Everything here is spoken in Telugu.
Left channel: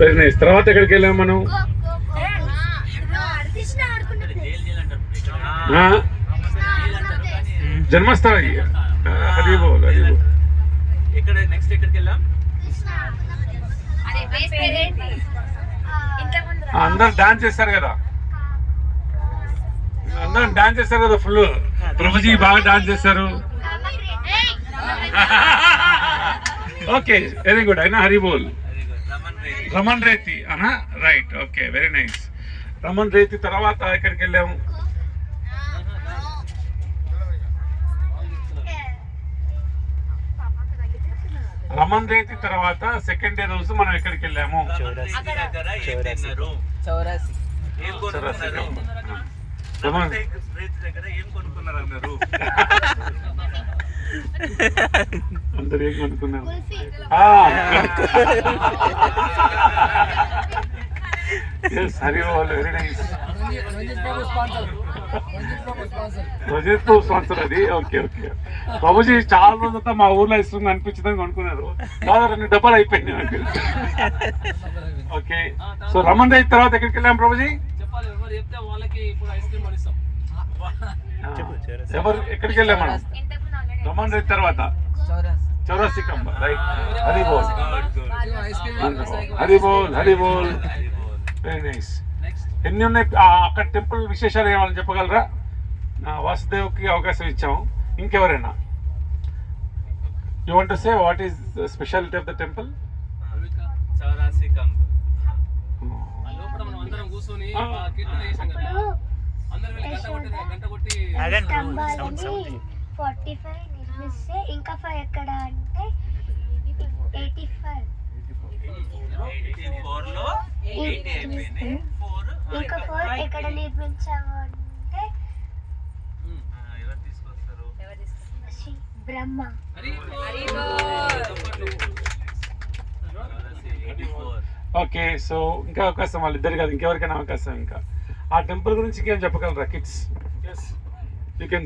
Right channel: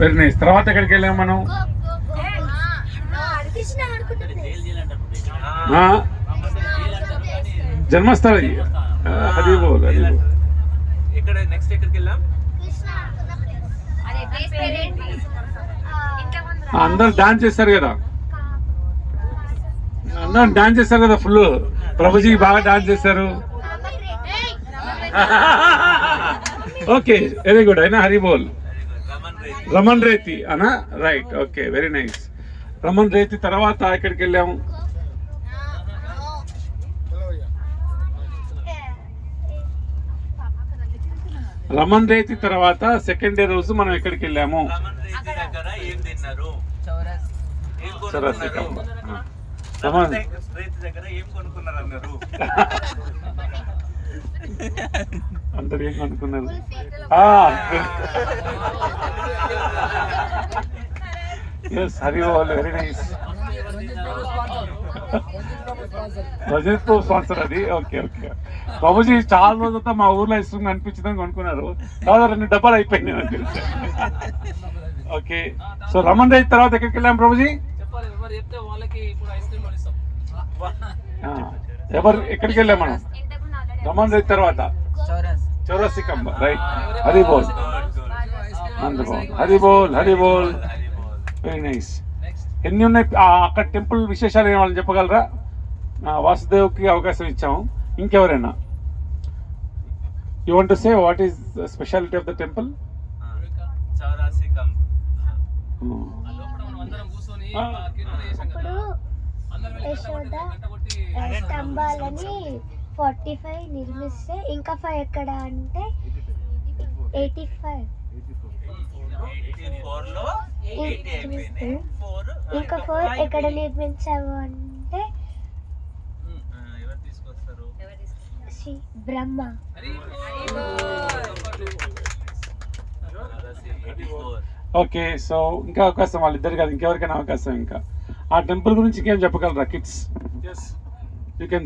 Very nice. తర్వాత ఎక్కడికి వెళ్ళాము మనం? జన్మస్థల. అది బోల్. అందరు డాన్స్ చేస్తారు కదా, అందరు డాన్స్ చేస్తారు కదా ఫుల్. ప్రభుజీ బాగా డాన్స్ చేస్తారు. Okay, very good. అయినా హరి బోల్. రమన్ రేతి అనా? Right, okay, very nice. Raman Reti తర్వాత ఎక్కడికి వెళ్ళాము? రమన్ రేతి తర్వాత సెకండ్ డే రోజు మనం ఎక్కడికి వెళ్ళాము? చౌరస్తికమ్మ. అందరు ఏం కొనుక్కున్నారు? హరి బోల్, వెరీ నైస్. రజత్ స్పాన్సర్ అది. Okay okay. ప్రభుజీ చాలా రోజులతో మా ఊర్లో ఇస్తుంది అనిపించిందని కొనుక్కున్నారు. దాదాపు 2 డబ్బాలు అయిపోయినాయి నాకు. ఓకే, సో రమన్ రైత్ తర్వాత ఎక్కడికి వెళ్ళాం ప్రభుజీ? ఎవరు ఎక్కడికి వెళ్ళాం మనం? రమన్ రైత్ తర్వాత చౌరస్తికమ్మ. రైట్, హరి బోల్, హరి బోల్, హరి బోల్, వెరీ నైస్. ఎన్ని ఉన్నాయి అక్కడ టెంపుల్ విశేషాలు ఏమైనా చెప్పగలరా? వాసుదేవ్కి అవకాశం ఇచ్చాము. ఇంకెవరైనా you want to say what is the speciality of the temple? స్తంభాలని 45 నిర్మిస్తే ఇంకా 5 ఎక్కడ అంటే 85 ఇంకా 4 ఎక్కడ నిర్మించావు అంటే శ్రీ బ్రహ్మ. ఓకే, సో ఇంకా అవకాశం వాళ్ళిద్దరు కాదు, ఇంకెవరికైనా అవకాశం. ఇంకా ఆ టెంపుల్ గురించి ఇంకేం చెప్పగలరా కిడ్స్? You can